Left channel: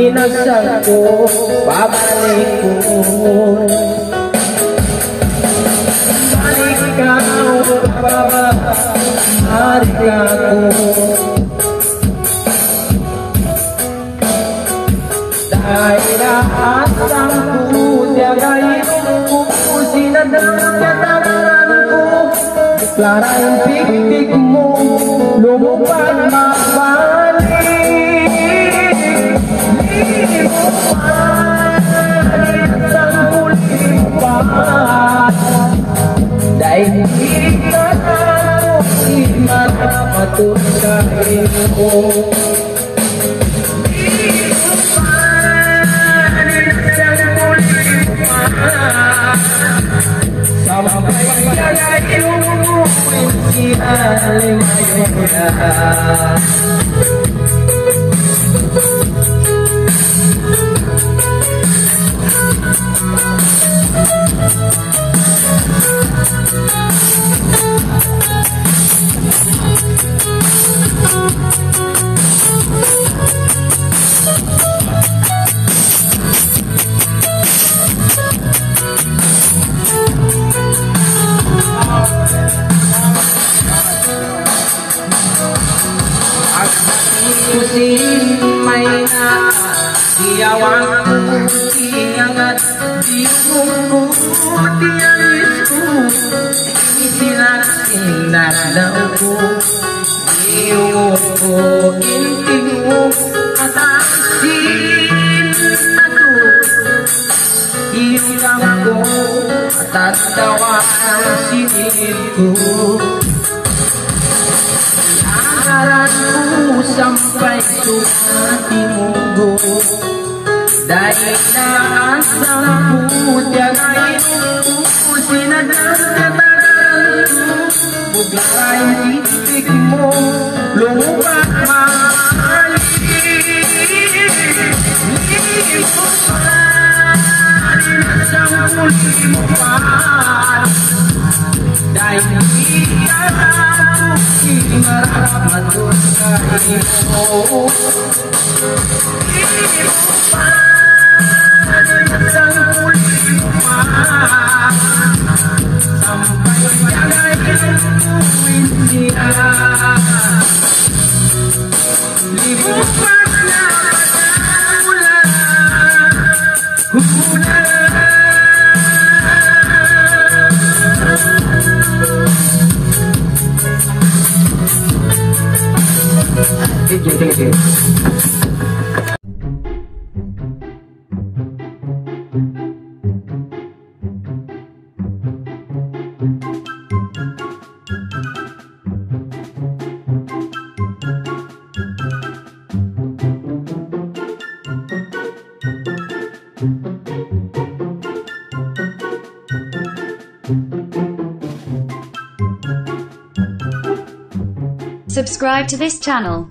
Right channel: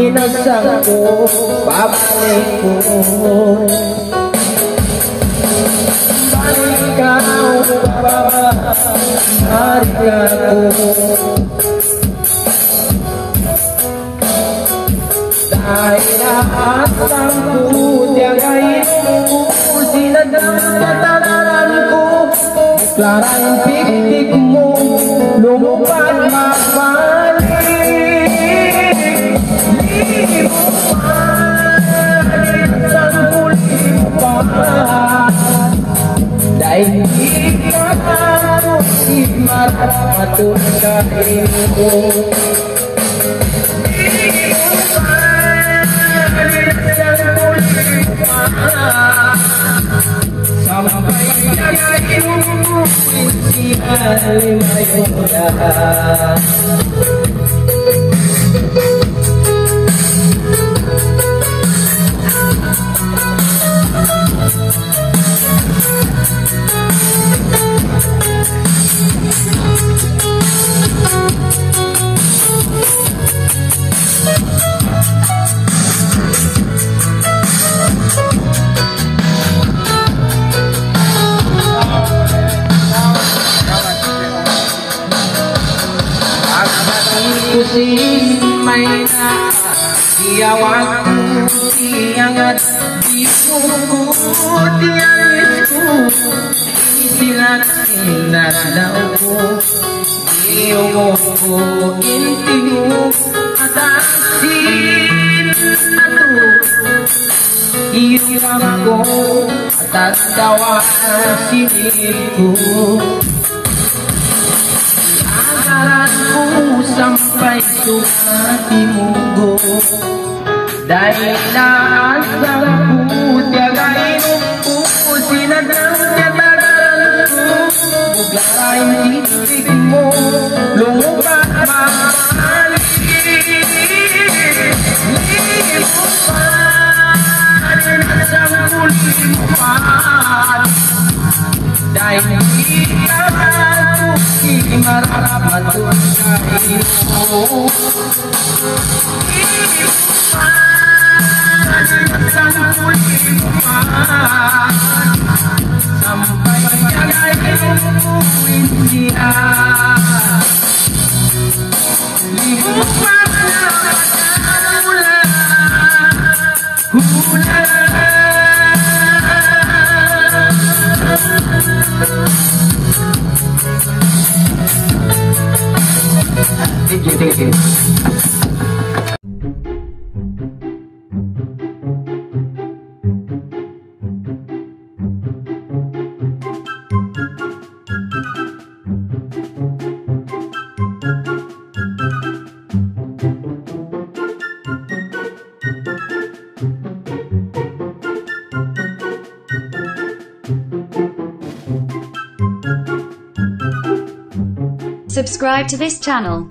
inasal ko, babalik ko. Balik ka, balik ako. Dahil asal ko, tiyagayin ko, sinadagkatagalan ko. Klarang tik-tik mo, lumupad magbalik. Di mo balik sa huli mo pa. Dahil di ka ako, di mapatunayin ko. Sampai jagain mo siya may na diawaku ingat di buku tiangku silat sinardaku diungu intimu atasin aku irangku atas jawa siniku sampai sudah dimunggu dari asalku tiagain ku sinadangnya badanku bugarain titikmu lupa mabalik limukan asangku limukan dari aku imarap sampai jagain dia libukannya Subscribe to this channel